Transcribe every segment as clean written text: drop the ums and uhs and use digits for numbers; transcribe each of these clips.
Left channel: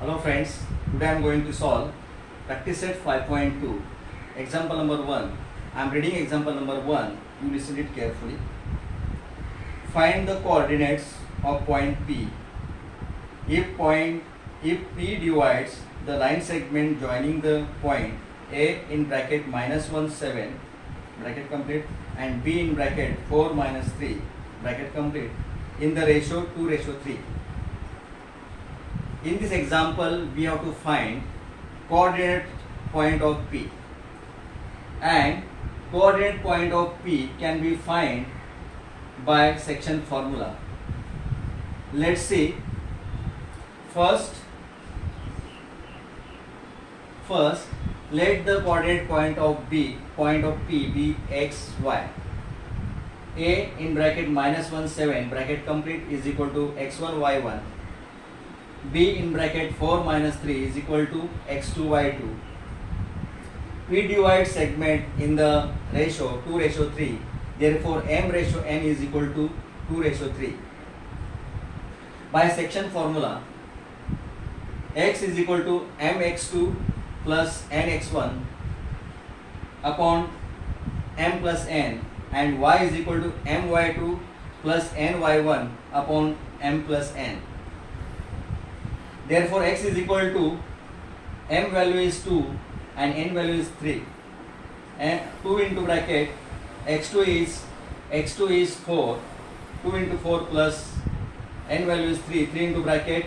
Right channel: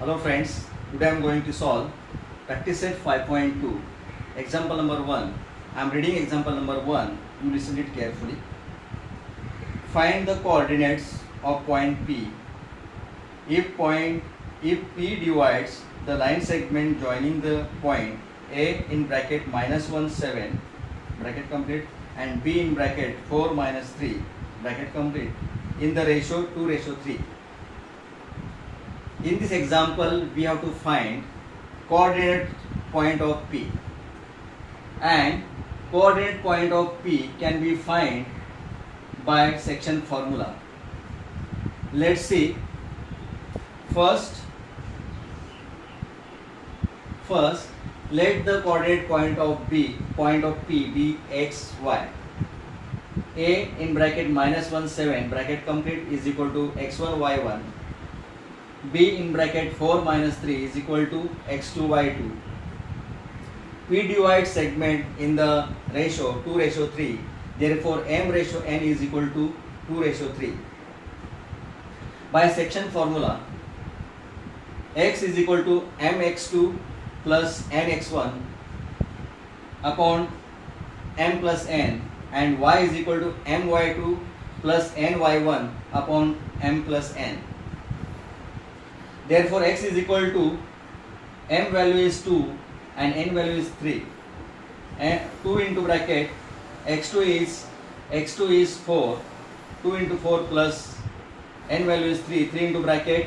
Hello friends, today I am going to solve practice set 5.2 example number 1. I am reading example number 1, you listen it carefully. Find the coordinates of point P if P divides the line segment joining the point A in bracket -1 7 bracket complete and B in bracket 4 3 bracket complete in the ratio 2:3. In this example, we have to find coordinate point of P, and coordinate point of P can be found by section formula. Let's see. First, let the coordinate point of P be x, y. A in bracket -1 7 bracket complete is equal to x1 y1. B in bracket 4 3 is equal to x2 y2. P divides segment in the ratio 2:3. Therefore, m ratio n is equal to 2:3. By section formula, x is equal to mx2 plus nx1 upon m plus n, and y is equal to my2 plus ny1 upon m plus n. Therefore, x is equal to m value is 2 and n value is 3. And 2 into bracket x2 is 4. 2 into 4 plus n value is 3. 3 into bracket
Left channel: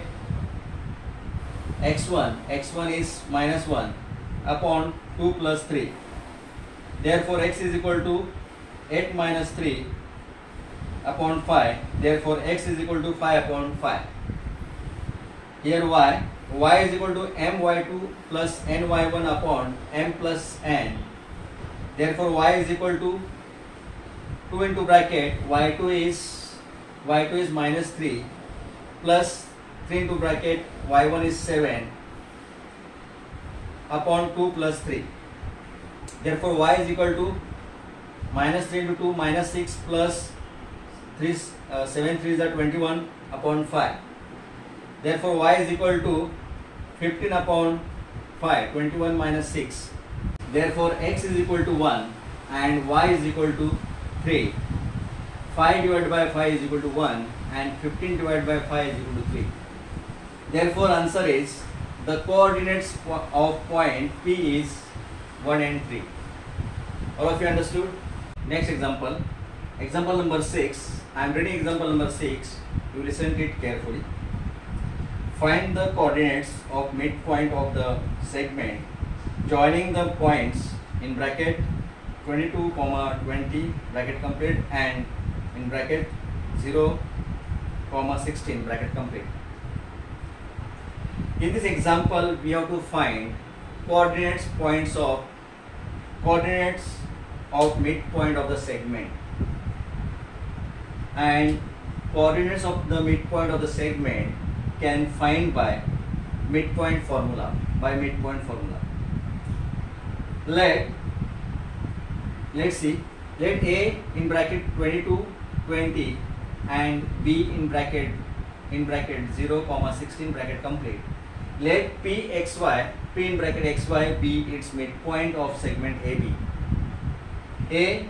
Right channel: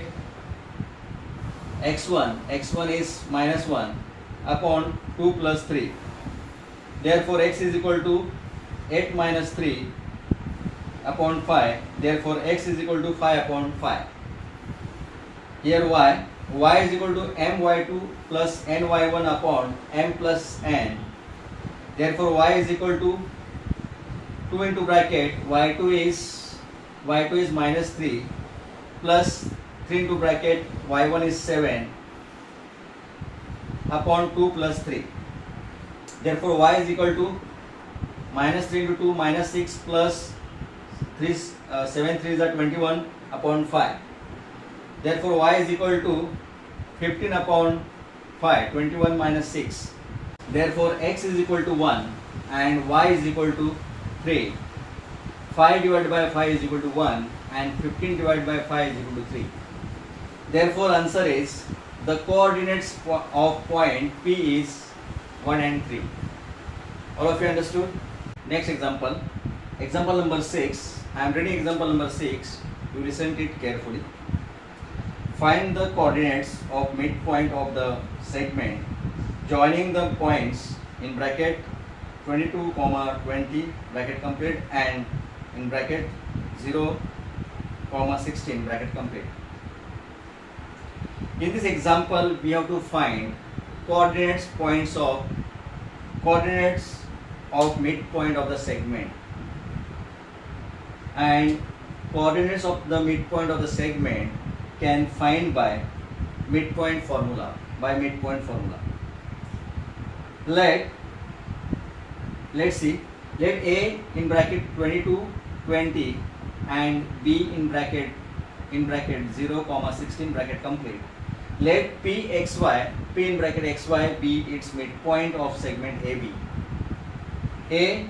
x1 is -1 upon 2 plus 3. Therefore, x is equal to 8 minus 3 upon 5. Therefore, x is equal to 5 upon 5. Here y is equal to my2 plus ny1 upon m plus n. Therefore, y is equal to 2 into bracket y2 is -3 plus 3 into bracket y1 is 7 upon 2 plus 3. Therefore, y is equal to -3 into 2 -6 plus 3 7 3 is 21 upon 5. Therefore, y is equal to 15 upon 5, 21 minus 6. Therefore, x is equal to 1 and y is equal to 3. 5 divided by 5 is equal to 1 and 15 divided by 5 is equal to 3. Therefore, answer is the coordinates of point P is 1 and 3. All of you understood? Next example. Example number 6. I am reading example number 6. You listen to it carefully. Find the coordinates of midpoint of the segment joining the points in bracket 22, 20 bracket complete and in bracket 0, 16 bracket complete. In this example, we have to find coordinates of midpoint of the segment, and coordinates of the midpoint of the segment can find by midpoint formula. Let's see. Let A in bracket 22, 20 and B in bracket 0, 16 bracket complete. Let P in bracket xy be its midpoint of segment AB. A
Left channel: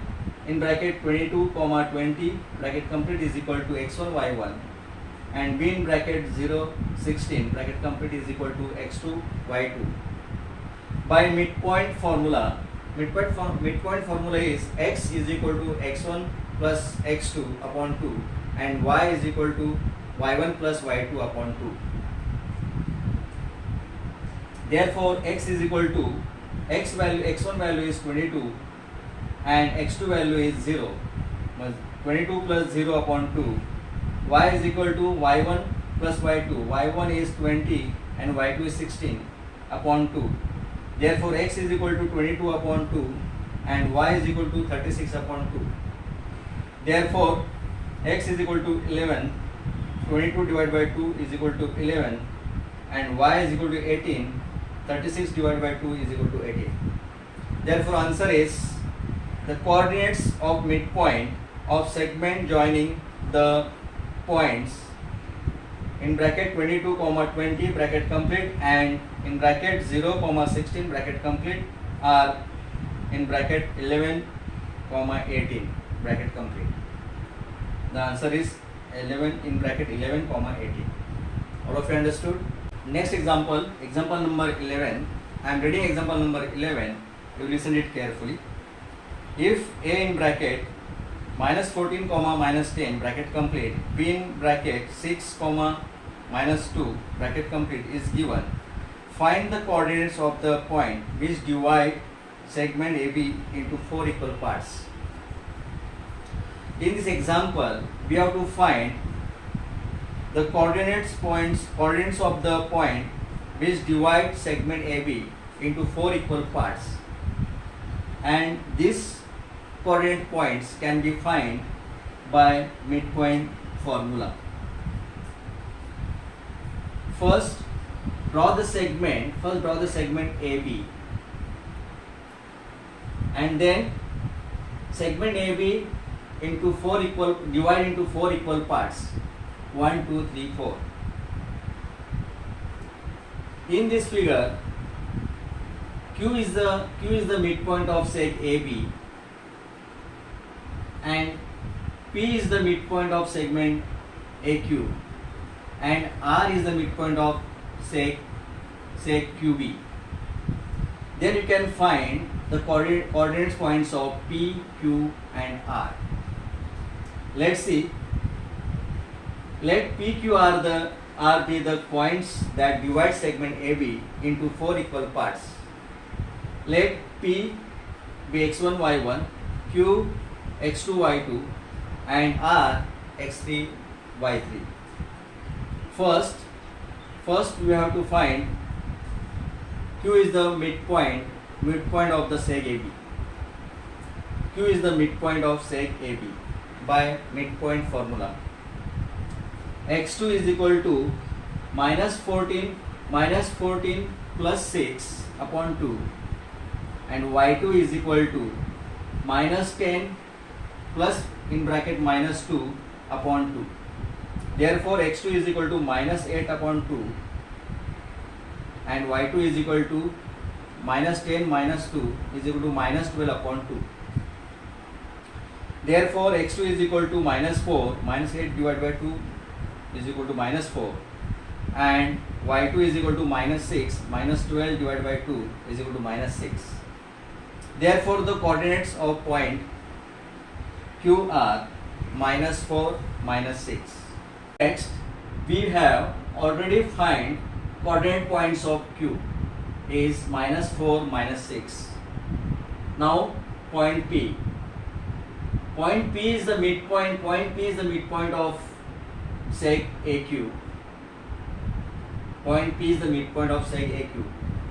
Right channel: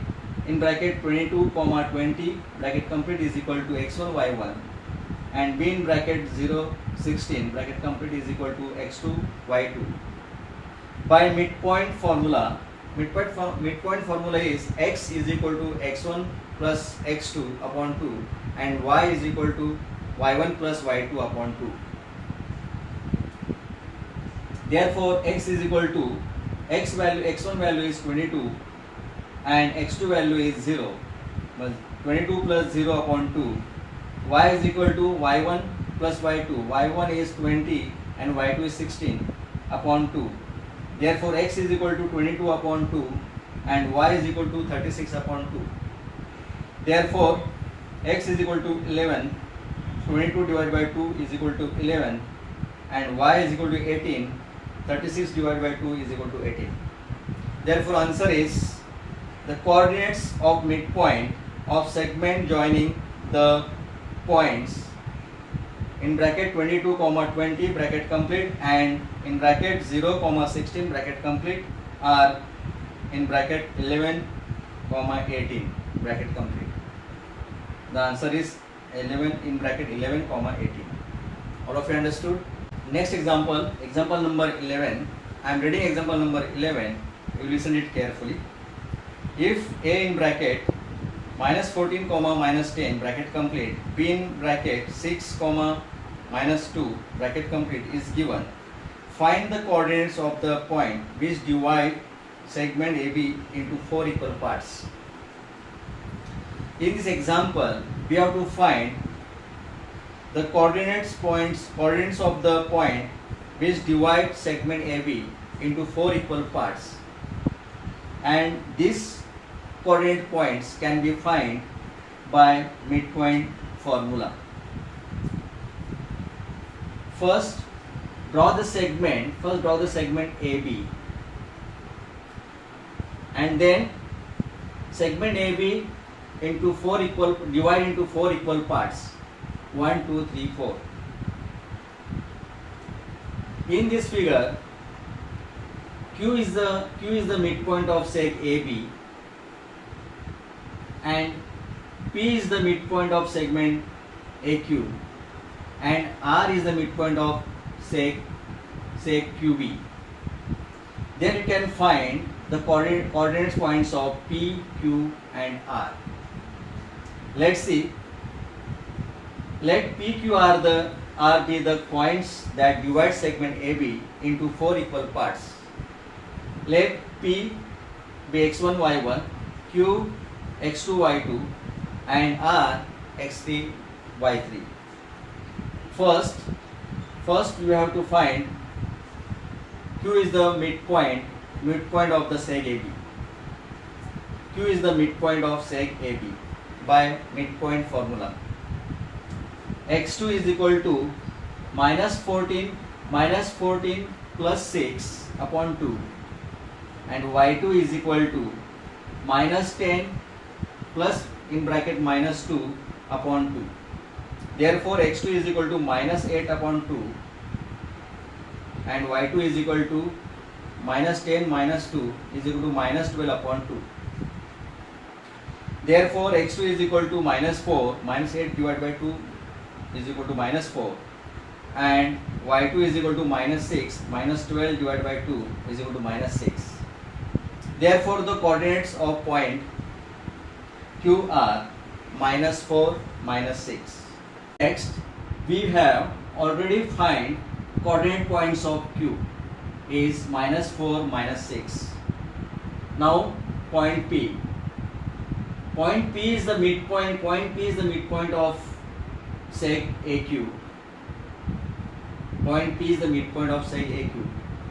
in bracket 22, 20 bracket complete is equal to x1 y1 and B in bracket 0, 16 bracket complete is equal to x2 y2. By midpoint formula is x is equal to x1 plus x2 upon 2 and y is equal to y1 plus y2 upon 2. Therefore, x is equal to x1 value is 22 and x2 value is 0. 22 plus 0 upon 2. Y is equal to y1 plus y2. y1 is 20 and y2 is 16 upon 2. Therefore, x is equal to 22 upon 2 and y is equal to 36 upon 2. Therefore, x is equal to 11. 22 divided by 2 is equal to 11 and y is equal to 18. 36 divided by 2 is equal to 18. Therefore, answer is the coordinates of midpoint of segment joining the points in bracket 22 comma 20 bracket complete, and in bracket 0 comma 16 bracket complete, are in bracket 11 comma 18 bracket complete. The answer is 11 in bracket 11 comma 18. All of you understood? Next example, example number 11. I am reading example number 11. You listen it carefully. If a in bracket minus 14 comma minus 10 bracket complete, b in bracket 6 comma minus 2 bracket complete is given, find the coordinates of the point which divide segment AB into 4 equal parts. In this example, we have to find the coordinates of the point which divide segment AB into 4 equal parts, and these coordinate points can be found by midpoint formula. First draw the segment AB, and then segment AB divide into 4 equal parts, 1, 2, 3, 4. In this figure, Q is the midpoint of seg AB, and P is the midpoint of segment AQ, and R is the midpoint of seg QB. Then you can find the coordinates points of P, Q, and R. Let's see. Let P, Q, R be the points that divide segment AB into 4 equal parts. Let P be x1, y1, Q x2, y2, and R x3, y3. First we have to find Q is the midpoint of the seg AB. Q is the midpoint of seg AB by midpoint formula. X2 is equal to minus 14 plus 6 upon 2, and y2 is equal to minus 10 plus in bracket minus 2 upon 2. Therefore x2 is equal to minus 8 upon 2, and y2 is equal to minus 10 minus 2 is equal to minus 12 upon 2. Therefore x2 is equal to minus 4, minus 8 divided by 2 is equal to minus 4, and y2 is equal to minus 6, minus 12 divided by 2 is equal to minus 6. Therefore the coordinates of point Q are minus 4, minus 6. Next, we have already find coordinate points of Q is minus 4, minus 6. Now point P. Point P is the midpoint of seg AQ. Point P is the midpoint of seg AQ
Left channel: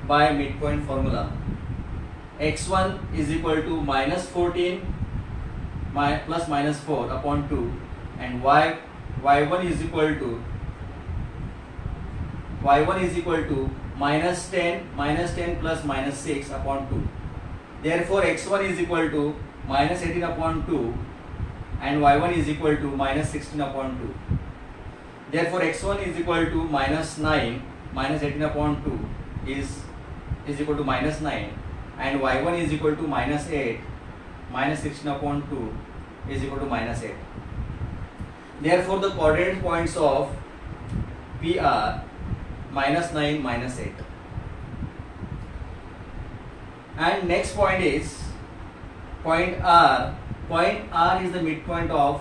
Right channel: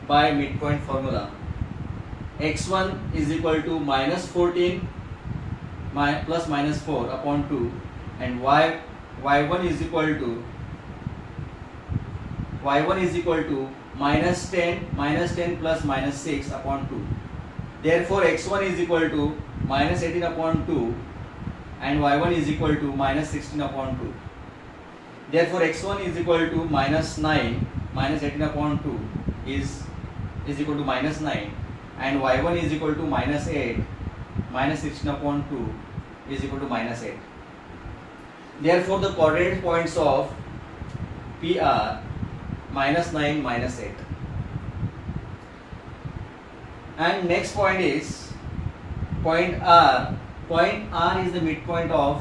by midpoint formula. X1 is equal to minus 14 plus minus 4 upon 2, and y1 is equal to minus 10 plus minus 6 upon 2. Therefore x1 is equal to minus 18 upon 2, and y1 is equal to minus 16 upon 2. Therefore x1 is equal to minus 9, minus 18 upon 2 is equal to minus 9, and y1 is equal to minus 8, minus 16 upon 2 is equal to minus 8. Therefore the coordinate points of P are minus 9, minus 8. And next point is point R. Point R is the midpoint of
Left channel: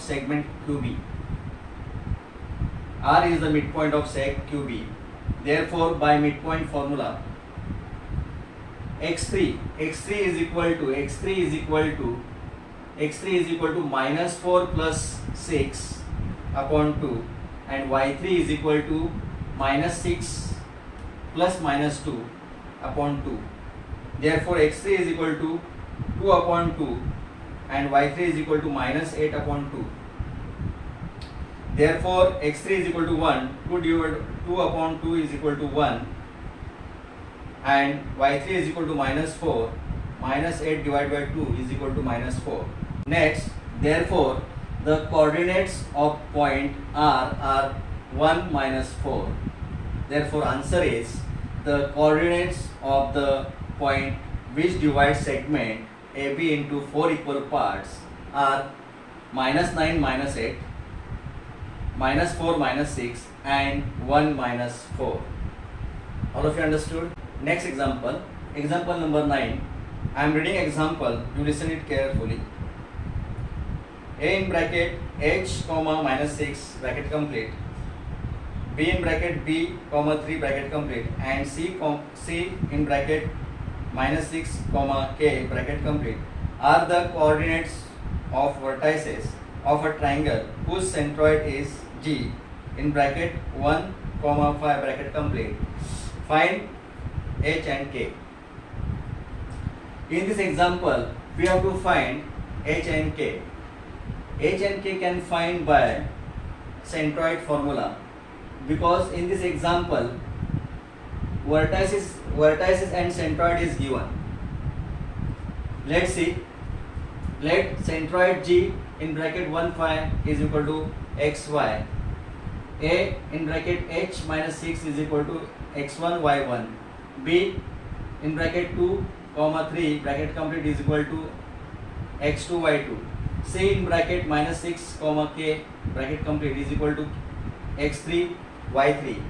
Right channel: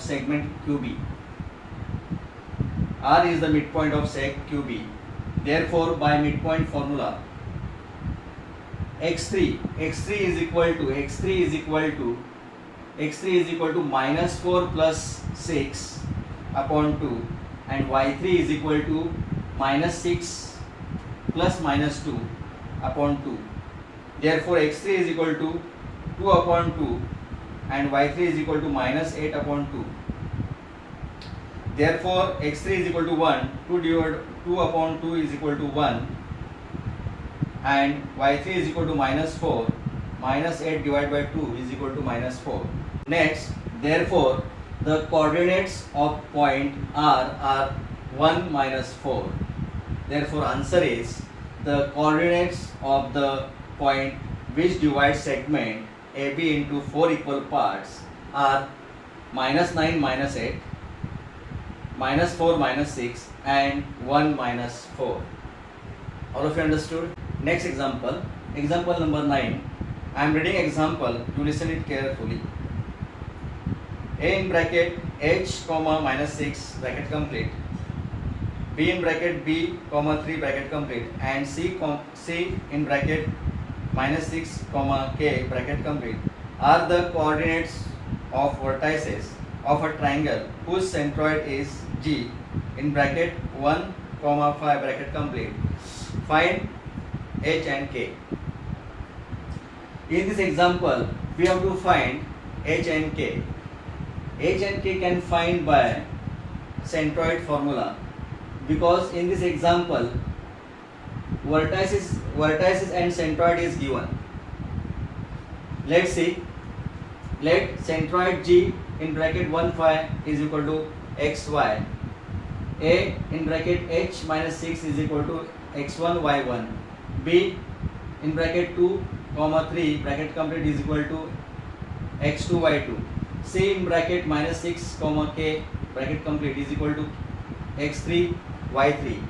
segment QB. R is the midpoint of seg QB. Therefore by midpoint formula, x3 is equal to minus 4 plus 6 upon 2, and y3 is equal to minus 6 plus minus 2 upon 2. Therefore x3 is equal to 2 upon 2, and y3 is equal to minus 8 upon 2. Therefore x3 is equal to 1, 2 upon 2 is equal to 1, and y3 is equal to minus 4, minus 8 divided by 2 is equal to minus 4. Next, therefore The coordinates of point R are 1 minus 4. Therefore, answer is the coordinates of the point which divides segment AB into 4 equal parts are minus 9 minus 8, minus 4 minus 6 and 1 minus 4. All of you understood? Next example, example number 9. I am reading example, you listen it carefully. A in bracket h comma minus 6 bracket complete, B in bracket b comma 3 bracket complete, and C in bracket minus 6 comma k bracket complete are the coordinates of vertices of a triangle whose centroid is G in bracket 1 comma 5 bracket complete. Find h and k. In this example, we have to find h and k. H and k can find by centroid formula, because in this example vertices and centroid is given. Let's see. Let centroid G in bracket 1 5 is equal to xy, A in bracket h minus 6 is equal to x1 y1, B in bracket 2 comma 3 bracket complete is equal to x2 y2, C in bracket minus 6 comma k bracket complete is equal to x3 y3.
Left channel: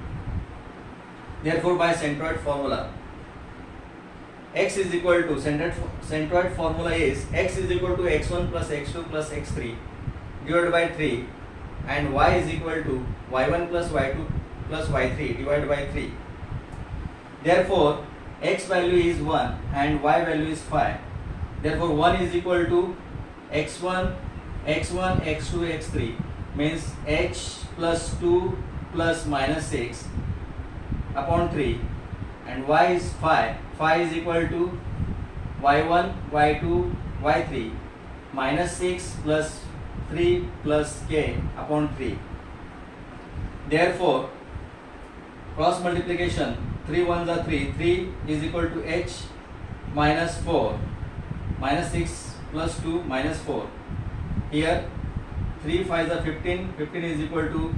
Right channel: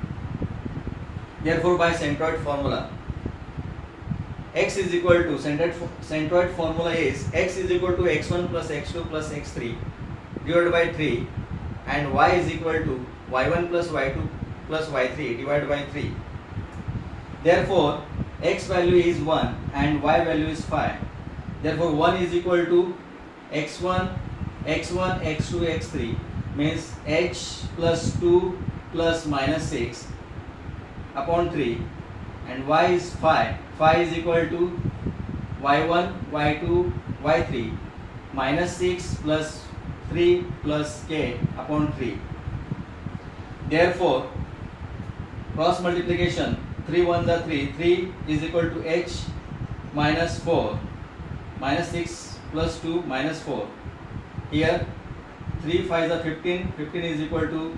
Therefore, by centroid formula, x is equal to centroid formula is x is equal to x1 plus x2 plus x3 divided by 3, and y is equal to y1 plus y2 plus y3 divided by 3. Therefore, x value is 1 and y value is 5. Therefore, 1 is equal to x1, x2, x3 means h plus 2 plus minus 6 upon 3, and y is 5. 5 is equal to y1, y2, y3 minus 6 plus 3 plus k upon 3. Therefore, cross multiplication 3 1s are 3. 3 is equal to h minus 4 minus 6 plus 2 minus 4. Here 3 5s are 15. 15 is equal to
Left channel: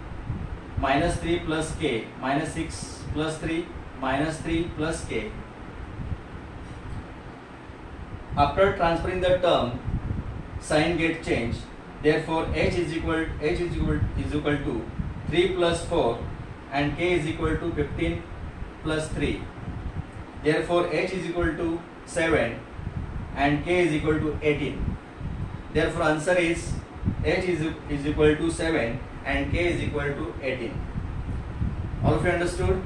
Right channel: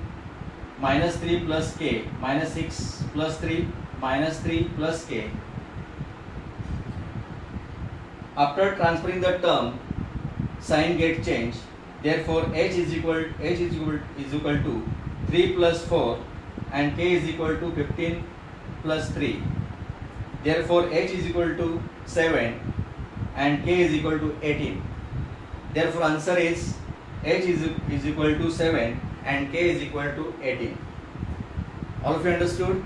minus 3 plus k, minus 6 plus 3 minus 3 plus k. After transferring the term, sign get changed. Therefore, h is equal to 3 plus 4 and k is equal to 15 plus 3. Therefore, h is equal to 7 and k is equal to 18. Therefore, answer is h is equal to 7 and k is equal to 18. All of you understood?